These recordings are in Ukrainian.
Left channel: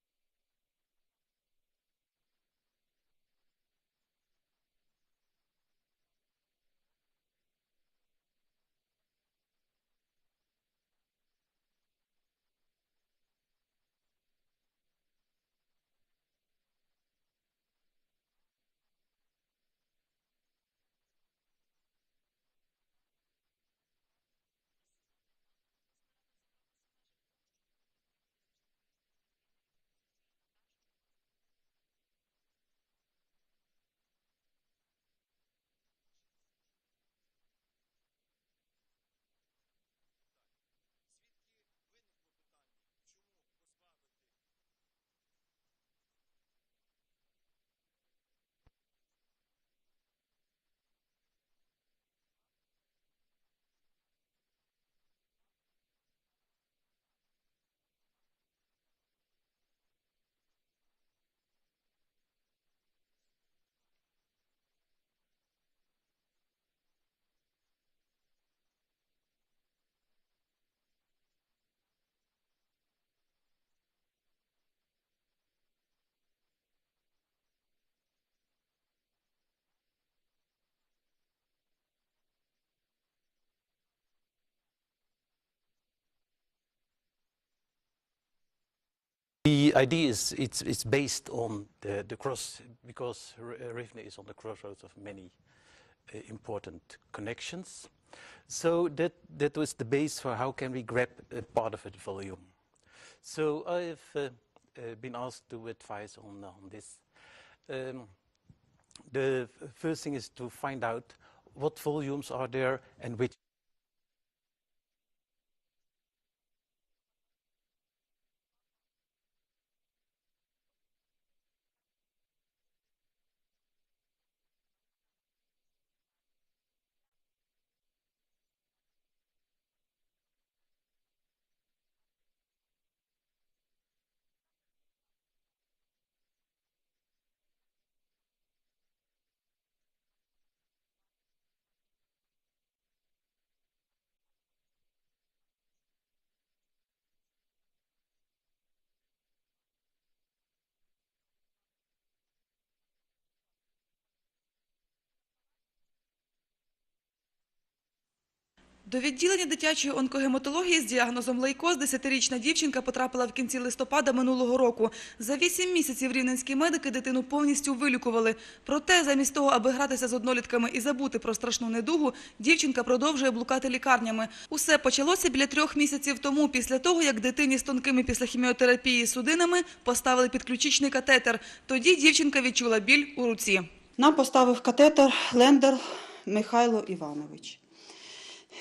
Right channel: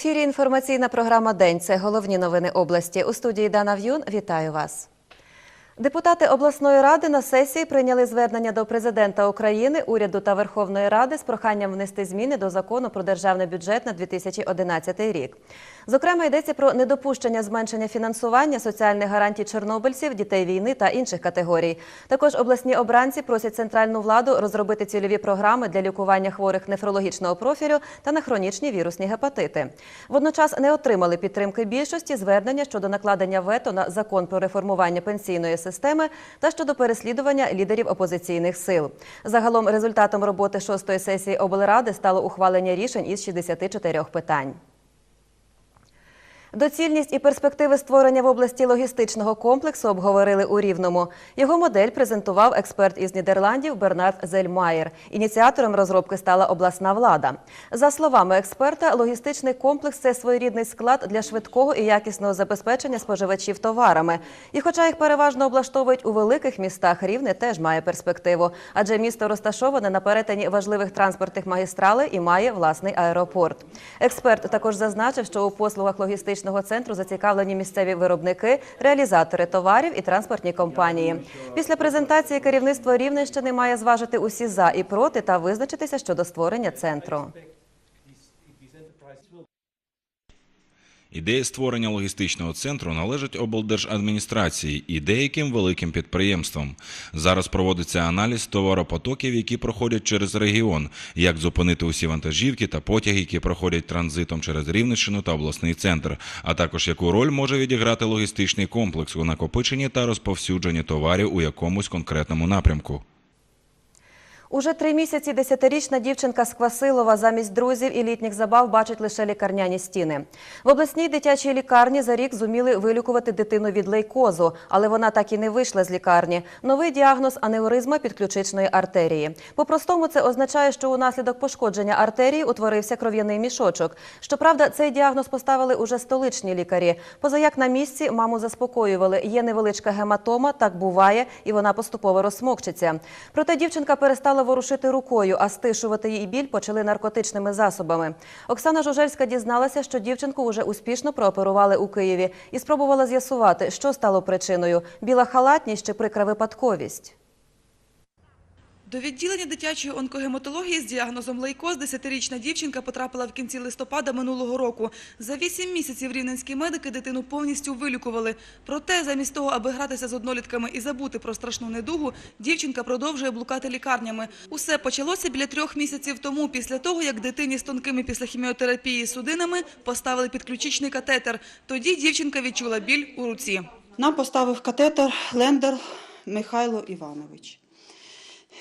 Ефірі інформаційна програма День. Це головні новини області. У студії Дана В'юн. Вітаю вас. Депутати обласної ради на сесії прийняли звернення до президента України, уряду та Верховної Ради з проханням внести зміни до закону про державний бюджет на 2011 рік. Зокрема, йдеться про недопущення зменшення фінансування соціальних гарантій чорнобильців, дітей війни та інших категорій. Також обласні обранці просять центральну владу розробити цільові програми для лікування хворих нефрологічного профілю та на хронічні вірусні гепатити. Водночас не отримали підтримки більшості звернення щодо накладення вето на закон про реформування пенсійної системи та щодо переслідування лідерів опозиційних сил. Загалом результатом роботи шостої сесії облради стало ухвалення рішень із 64 питань. Доцільність і перспективи створення в області логістичного комплексу обговорили у Рівному. Його модель презентував експерт із Нідерландів Бернард Зельмаєр. Ініціатором розробки стала обласна влада. За словами експерта, логістичний комплекс це своєрідний склад для швидкого і якісного забезпечення споживачів товарами. І хоча їх переважно облаштовують у великих містах, Рівне теж має перспективу, адже місто розташоване на перетині важливих транспортних магістралей і має власний аеропорт. Експерт також зазначив, що у послугах логістичного центру зацікавлені місцеві виробники, реалізатори товарів і транспортні компанії. Після презентації керівництво Рівненщини має зважити усі за і проти та визначитися щодо створення центру. Ідея створення логістичного центру належить облдержадміністрації і деяким великим підприємствам. Зараз проводиться аналіз товаропотоків, які проходять через регіон, як зупинити усі вантажівки та потяги, які проходять транзитом через Рівненщину та обласний центр, а також яку роль може відіграти логістичний комплекс у накопиченні та розповсюдженні товарів у якомусь конкретному напрямку. Уже три місяці десятирічна дівчинка з Квасилова замість друзів і літніх забав бачить лише лікарняні стіни. В обласній дитячій лікарні за рік зуміли вилікувати дитину від лейкозу, але вона так і не вийшла з лікарні. Новий діагноз аневризма підключичної артерії. По-простому це означає, що унаслідок пошкодження артерії утворився кров'яний мішочок. Щоправда, цей діагноз поставили уже столичні лікарі. Позаяк на місці маму заспокоювали. Є невеличка гематома, так буває, і вона поступово розсмокчиться. Проте дівчинка перестала ворушити рукою, а стишувати її біль почали наркотичними засобами. Оксана Жужельська дізналася, що дівчинку вже успішно прооперували у Києві і спробувала з'ясувати, що стало причиною – біла халатність чи прикра випадковість. До відділення дитячої онкогематології з діагнозом лейкоз 10-річна дівчинка потрапила в кінці листопада минулого року. За 8 місяців рівненські медики дитину повністю вилікували. Проте, замість того, аби гратися з однолітками і забути про страшну недугу, дівчинка продовжує блукати лікарнями. Усе почалося біля трьох місяців тому, після того, як дитині з тонкими після хіміотерапії судинами поставили підключичний катетер. Тоді дівчинка відчула біль у руці. Нам поставив катетер Лендер Михайло Іванович.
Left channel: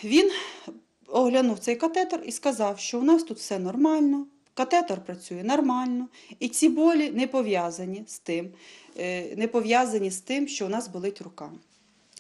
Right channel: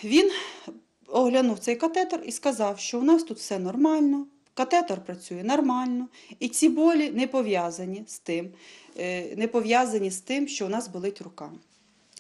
Він оглянув цей катетер і сказав, що у нас тут все нормально, катетер працює нормально, і ці болі не пов'язані з тим, е, не пов'язані з тим, що у нас болить рука.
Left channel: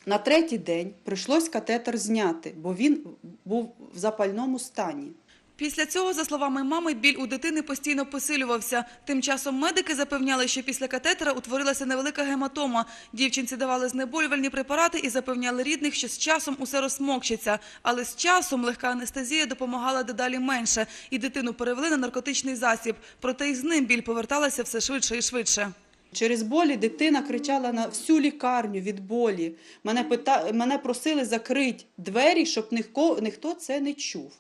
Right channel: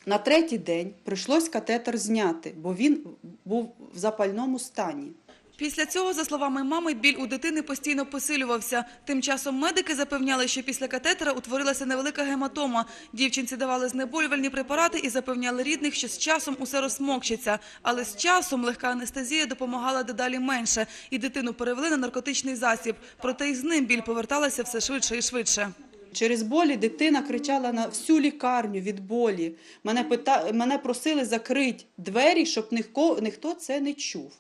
На третій день прийшлось катетер зняти, бо він був в запальному стані. Після цього, за словами мами, біль у дитини постійно посилювався. Тим часом медики запевняли, що після катетера утворилася невелика гематома. Дівчинці давали знеболювальні препарати і запевняли рідних, що з часом усе розмокчиться. Але з часом легка анестезія допомагала дедалі менше, і дитину перевели на наркотичний засіб. Проте й з ним біль поверталася все швидше і швидше. Через болі дитина кричала на всю лікарню від болі. Мене, пита... Мене просили закрити двері, щоб ніхто це не чув.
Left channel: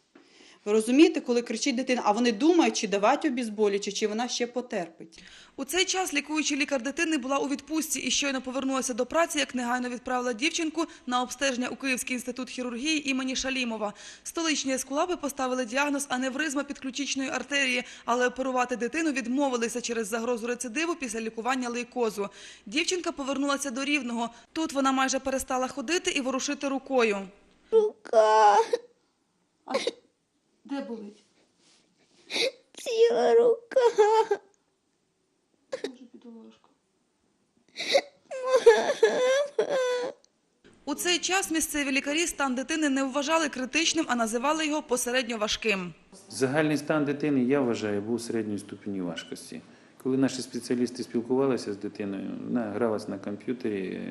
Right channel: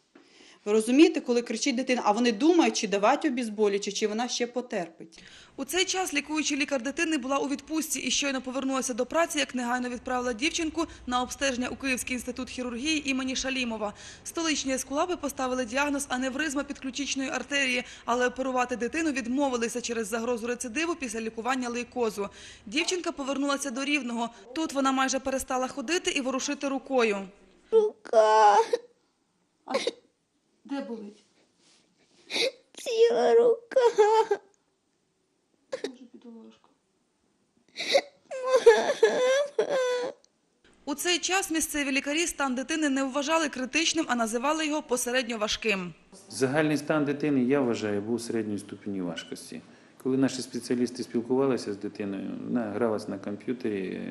Ви розумієте, коли кричить дитина, а вони думають, чи давати обізболюючи, чи вона ще потерпить. У цей час лікуючий лікар дитини була у відпустці і щойно повернулася до праці, як негайно відправила дівчинку на обстеження у Київський інститут хірургії імені Шалімова. Столичні ескулапи поставили діагноз аневризма підключичної артерії, але оперувати дитину відмовилися через загрозу рецидиву після лікування лейкозу. Дівчинка повернулася до Рівного. Тут вона майже перестала ходити і ворушити рукою. Рука Де болить? ціла рука. У цей час місцеві лікарі стан дитини не вважали критичним, а називали його посередньо важким. Загальний стан дитини, я вважаю, був середньої ступені важкості. Коли наші спеціалісти спілкувалися з дитиною, вона гралась на комп'ютері.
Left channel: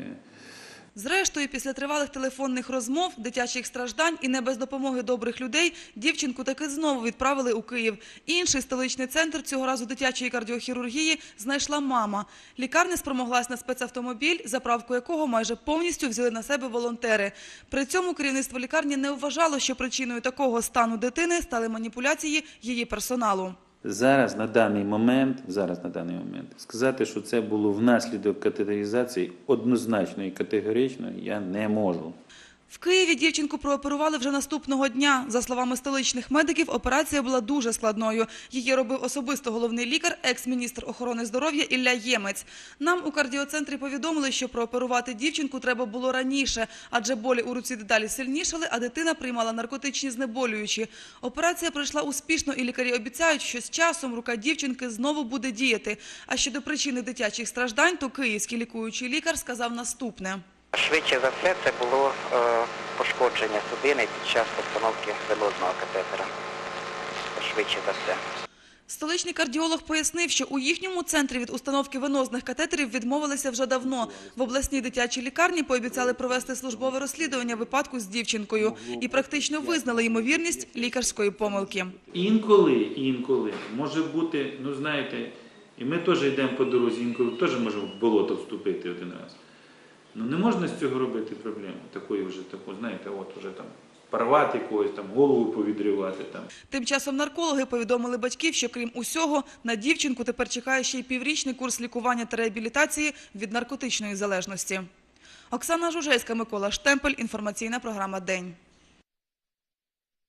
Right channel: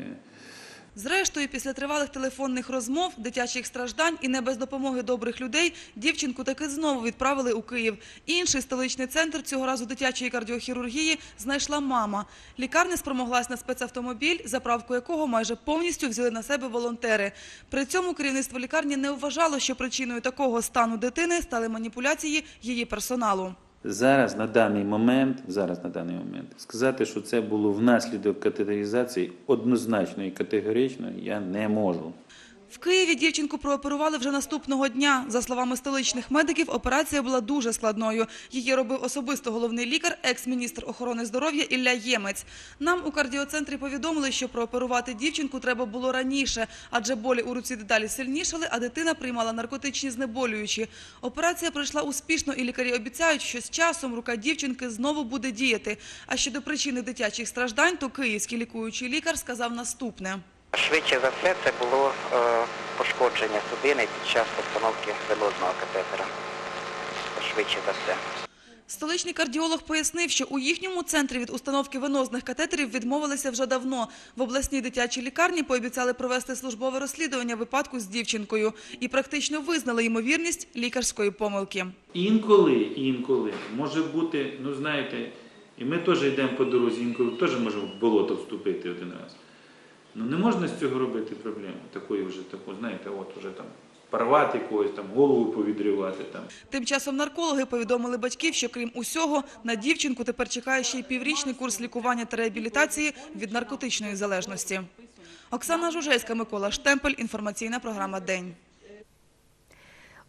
Зрештою, після тривалих телефонних розмов, дитячих страждань і не без допомоги добрих людей, дівчинку таки знову відправили у Київ. Інший столичний центр, цього разу дитячої кардіохірургії, знайшла мама. Лікарня спромоглась на спецавтомобіль, заправку якого майже повністю взяли на себе волонтери. При цьому керівництво лікарні не вважало, що причиною такого стану дитини стали маніпуляції її персоналу. Зараз на даний момент, зараз на даний момент, сказати, що це було внаслідок катетеризації однозначно і категорично я не можу. В Києві дівчинку прооперували вже наступного дня. За словами столичних медиків, операція була дуже складною. Її робив особисто головний лікар, екс-міністр охорони здоров'я Ілля Ємець. Нам у кардіоцентрі повідомили, що прооперувати дівчинку треба було раніше, адже болі у руці дедалі сильнішали, а дитина приймала наркотичні знеболюючі. Операція пройшла успішно, і лікарі обіцяють, що з часом рука дівчинки знову буде діяти. А щодо причини дитячих страждань, то київський лікуючий лікар сказав наступне. Швидше за все, це було е, пошкодження судини під час постановки венозного катетера. Швидше за все. Столичний кардіолог пояснив, що у їхньому центрі від установки венозних катетерів відмовилися вже давно. В обласній дитячій лікарні пообіцяли провести службове розслідування випадку з дівчинкою і практично визнали ймовірність лікарської помилки. Інколи, інколи може бути, ну знаєте, і ми теж йдемо по дорозі, інколи теж можемо в болото вступити один раз. Ну не можна з цього робити проблему. Такої вже таку, знаєте, от уже там порвати когось, там голову повідривати. там. Тим часом наркологи повідомили батьків, що крім усього, на дівчинку тепер чекає ще й піврічний курс лікування та реабілітації від наркотичної залежності. Оксана Жужельська, Микола Штемпель. Інформаційна програма «День».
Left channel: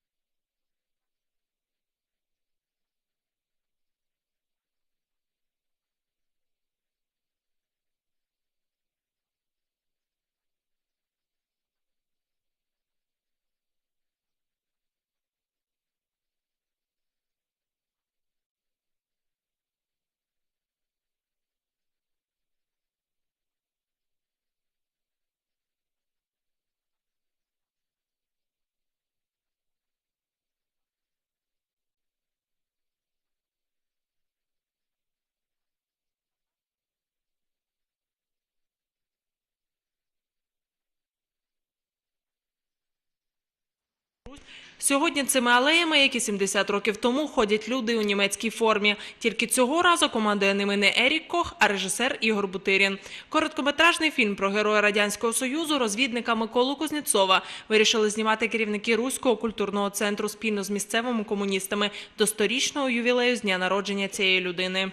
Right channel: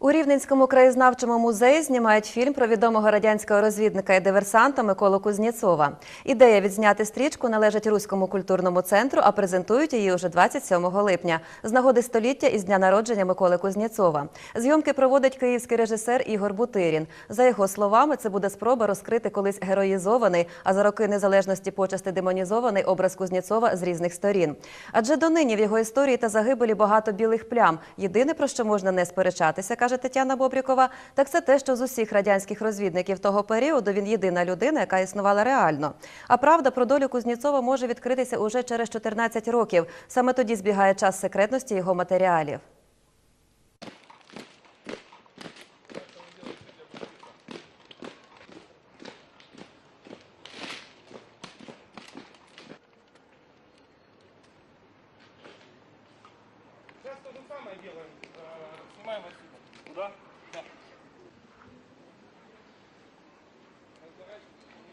У Рівненському краєзнавчому музеї знімають фільм про відомого радянського розвідника і диверсанта Миколу Кузнєцова. Ідея відзняти стрічку належить Руському культурному центру, а презентують її уже 27 липня з нагоди століття із дня народження Миколи Кузнєцова. Зйомки проводить київський режисер Ігор Бутирін. За його словами, це буде спроба розкрити колись героїзований, а за роки незалежності почасти демонізований образ Кузнєцова з різних сторін. Адже донині в його історії та загибелі багато білих плям. Єдине про що можна не сперечатися, каже Тетяна Бобрікова, так це те, що з усіх радянських розвідників того періоду він єдина людина, яка існувала реально. А правда про долю Кузнєцова може відкритися уже через 14 років. Саме тоді збігає час секретності його матеріалів. Сьогодні цими алеями, як і 70 років тому, ходять люди у німецькій формі. Тільки цього разу командує ними не Ерік Кох, а режисер Ігор Бутирін. Короткометражний фільм про героя радянського союзу, розвідника Миколу Кузнєцова, вирішили знімати керівники руського культурного центру спільно з місцевими комуністами до сторічного ювілею з дня народження цієї людини.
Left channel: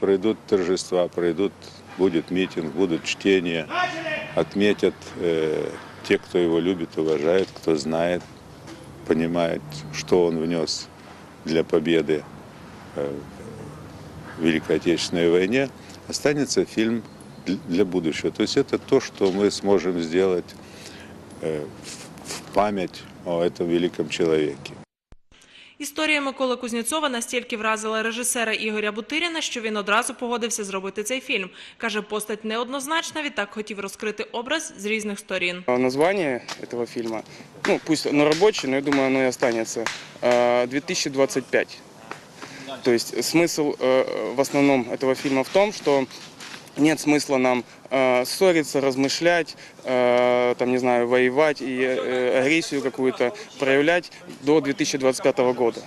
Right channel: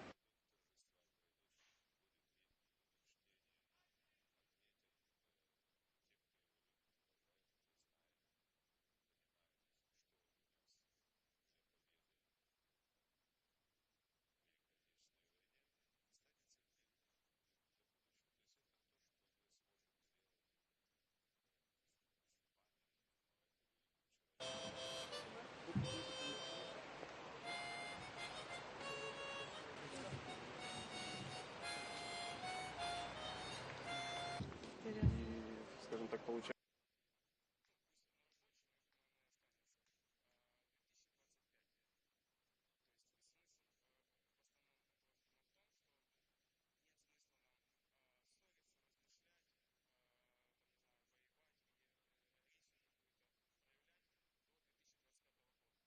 Пройдут торжества, пройдут, будет митинг, будут чтения, отметят э, те, кто его любит, уважает, кто знает, понимает, что он внес для победы э, в Великой Отечественной войне. Останется фильм дл- для будущего. То есть это то, что мы сможем сделать э, в- в память о этом великом человеке. Історія Миколи Кузнєцова настільки вразила режисера Ігоря Бутиріна, що він одразу погодився зробити цей фільм. Каже, постать неоднозначна, відтак хотів розкрити образ з різних сторін. А Название этого фильма, ну пусть оно рабочее, но я думаю, оно и останется. А, 2025. То есть смысл э, в основном этого фильма в том, что нет смысла нам э, ссориться, размышлять, э, там, не знаю, воевать и э, агрессию какую-то проявлять до 2025 года.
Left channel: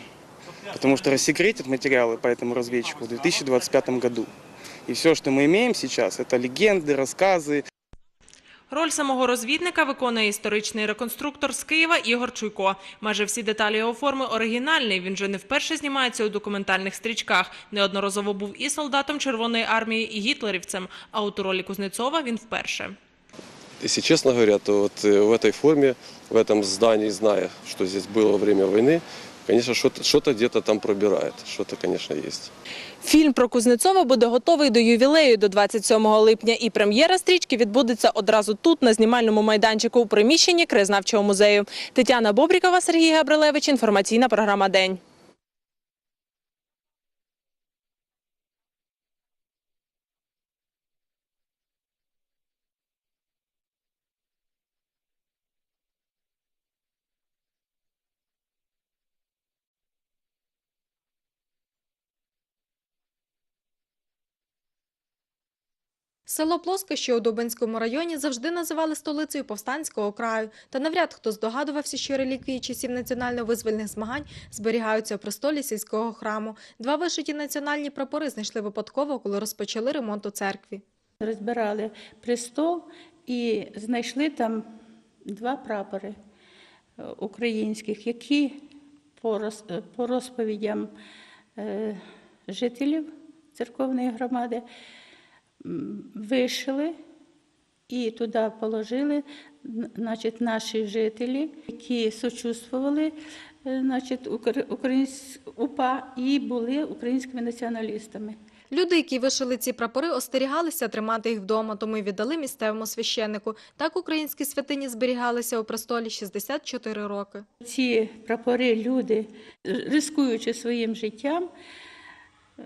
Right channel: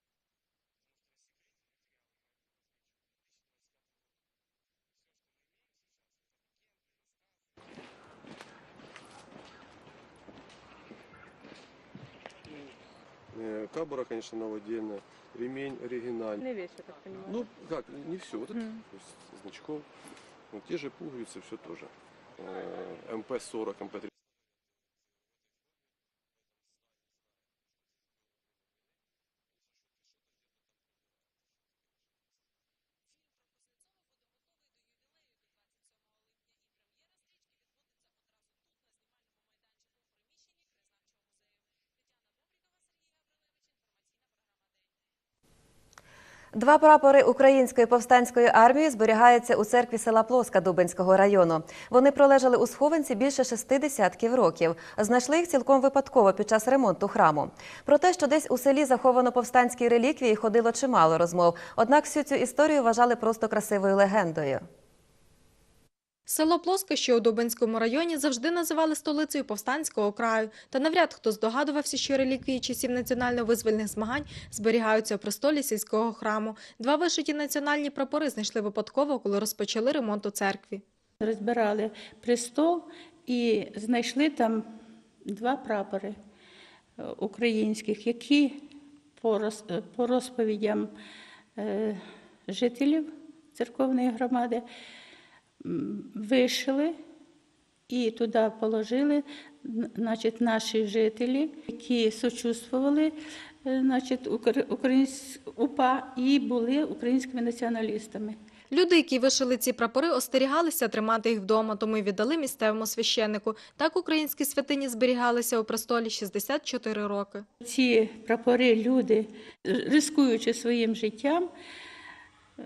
Потому что рассекретят материалы по этому разведчику в 2025 году. И все, что мы имеем сейчас, это легенды, рассказы, Роль самого розвідника виконує історичний реконструктор з Києва Ігор Чуйко. Майже всі деталі його форми оригінальні. Він же не вперше знімається у документальних стрічках. Неодноразово був і солдатом Червоної армії, і гітлерівцем. А от у ролі Кузнєцова він вперше. Если честно говоря, то вот э, в этой форме, в этом здании, зная, что здесь было во время войны, конечно, что-то что там пробирает. Что-то, конечно, есть. Фільм про Кузнецова буде готовий до ювілею до 27 липня. І прем'єра стрічки відбудеться одразу тут, на знімальному майданчику у приміщенні краєзнавчого музею. Тетяна Бобрікова, Сергій Габрилевич. Інформаційна програма «День». Два прапори української повстанської армії зберігаються у церкві села Плоска Дубенського району. Вони пролежали у схованці більше шести десятків років. Знайшли їх цілком випадково під час ремонту храму. Про те, що десь у селі заховано повстанські реліквії, ходило чимало розмов. Однак всю цю історію вважали просто красивою легендою. Село Плоске, що у Дубинському районі, завжди називали столицею повстанського краю. Та навряд хто здогадувався, що реліквії часів національно-визвольних змагань зберігаються у престолі сільського храму. Два вишиті національні прапори знайшли випадково, коли розпочали ремонт у церкві. Розбирали престол і знайшли там два прапори е, українських, які по е, по розповідям е, жителів церковної громади вишили і туди положили значить, наші жителі, які сочувствували е, значить, укр- українсь- УПА і були українськими націоналістами. Люди, які вишили ці прапори, остерігалися тримати їх вдома, тому й віддали місцевому священнику. Так українські святині зберігалися у престолі 64 роки. Ці прапори люди, рискуючи своїм життям, е,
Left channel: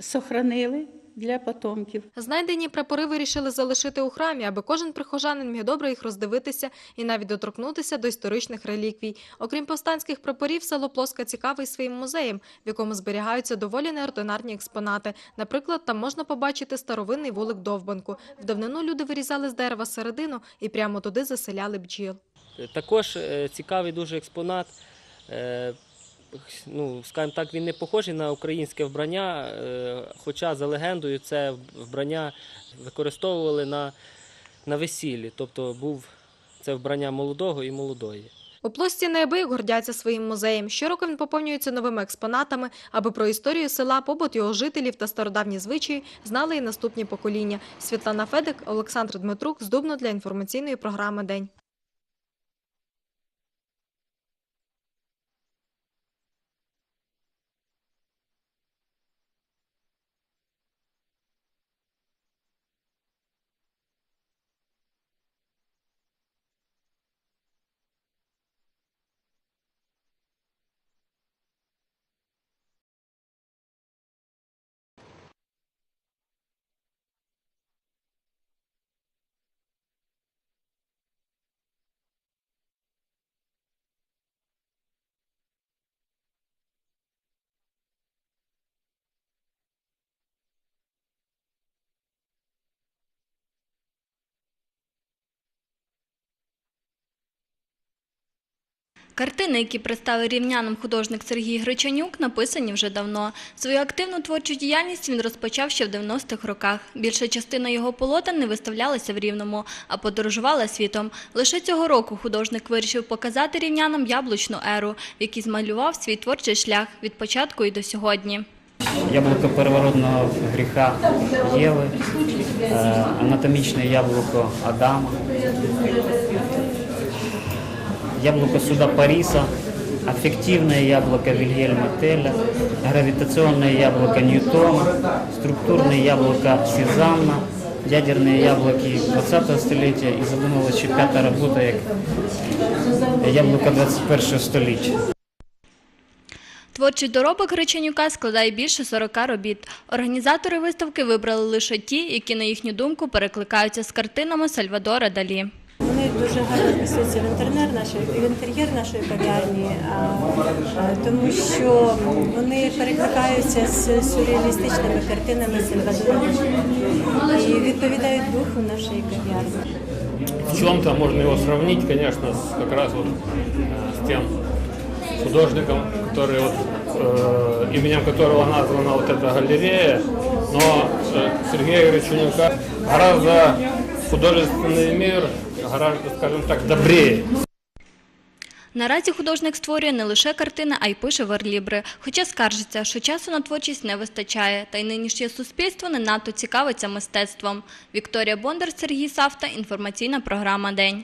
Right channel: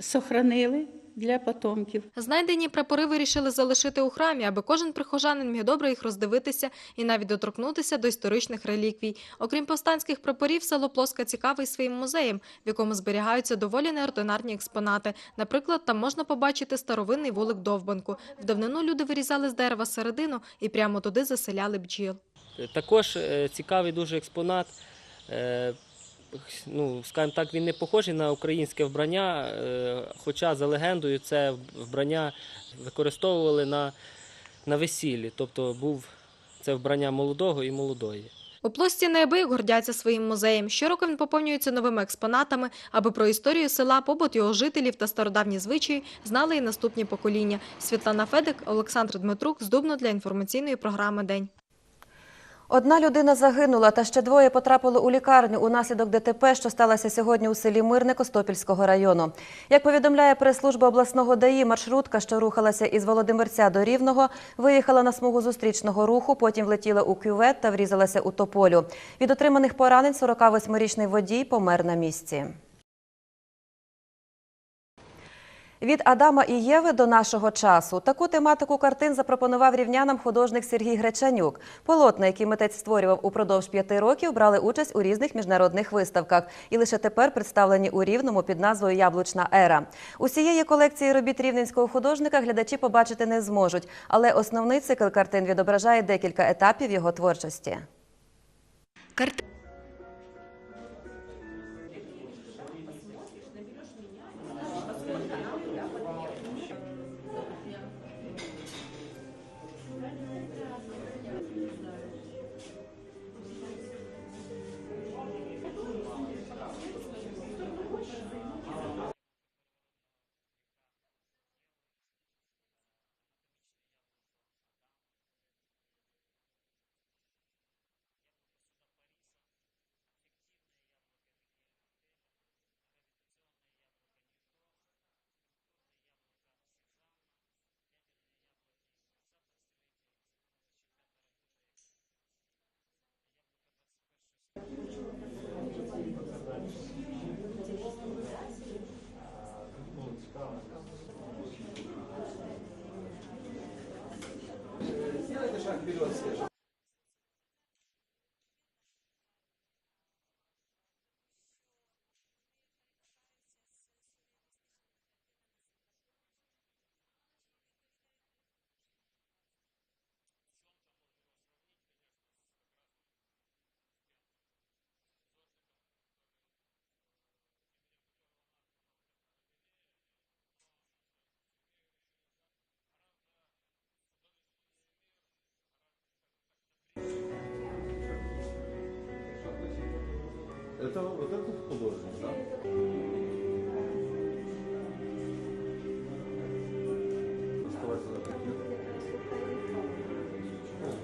сохранили для потомків. Знайдені прапори вирішили залишити у храмі, аби кожен прихожанин міг добре їх роздивитися і навіть доторкнутися до історичних реліквій. Окрім повстанських прапорів, село Плоска цікавий своїм музеєм, в якому зберігаються доволі неординарні експонати. Наприклад, там можна побачити старовинний вулик довбанку. В давнину люди вирізали з дерева середину і прямо туди заселяли бджіл. Також е, цікавий дуже експонат. Ну, скажімо так, він не похожий на українське вбрання, е, хоча за легендою це вбрання використовували на, на весіллі. Тобто був це вбрання молодого і молодої. У плості неабияк гордяться своїм музеєм. Щороку він поповнюється новими експонатами, аби про історію села, побут його жителів та стародавні звичаї знали і наступні покоління. Світлана Федик, Олександр Дмитрук з Дубно для інформаційної програми День. Одна людина загинула, та ще двоє потрапили у лікарню унаслідок ДТП, що сталося сьогодні у селі Мирне Костопільського району. Як повідомляє прес-служба обласного ДАІ, маршрутка, що рухалася із Володимирця до Рівного, виїхала на смугу зустрічного руху, потім влетіла у кювет та врізалася у тополю. Від отриманих поранень 48-річний водій помер на місці. Від Адама і Єви до нашого часу таку тематику картин запропонував рівнянам художник Сергій Гречанюк. Полотна, які митець створював упродовж п'яти років, брали участь у різних міжнародних виставках і лише тепер представлені у Рівному під назвою Яблучна ера. Усієї колекції робіт рівненського художника глядачі побачити не зможуть, але основний цикл картин відображає декілька етапів його творчості. Картини, які представив рівнянам художник Сергій Гречанюк, написані вже давно. Свою активну творчу діяльність він розпочав ще в 90-х роках. Більша частина його полотен не виставлялася в Рівному, а подорожувала світом. Лише цього року художник вирішив показати рівнянам яблучну еру, в змалював свій творчий шлях від початку і до сьогодні. Яблуко первородного гріха Єви, е, анатомічне яблуко Адама, яблуко суда Париса, аффективное яблоко Вильгельма Теля, гравитационное яблоко Ньютона, структурное яблоко Сезанна, ядерные яблоки 20 століття і задумала, чи п'ята робота як яблуко 21 століття. Творчий доробок Гречанюка складає більше 40 робіт. Організатори виставки вибрали лише ті, які, на їхню думку, перекликаються з картинами Сальвадора Далі. Вони дуже гарно вписуються в інтернер нашої в інтер'єр нашої кав'ярні, тому що вони перекликаються з сюрреалістичними картинами Сальвадора і відповідають духу нашої кав'ярні. В чем-то можно его сравнить, конечно, с, как раз вот э, с тем художником, который вот, э, именем которого названа вот эта галерея, но э, Сергея Гречунюка гораздо художественный мир, гораздо, скажем так, добрее. Наразі художник створює не лише картини, а й пише верлібри. Хоча скаржиться, що часу на творчість не вистачає, та й нинішнє суспільство не надто цікавиться мистецтвом. Вікторія Бондар, Сергій Савта. Інформаційна програма День.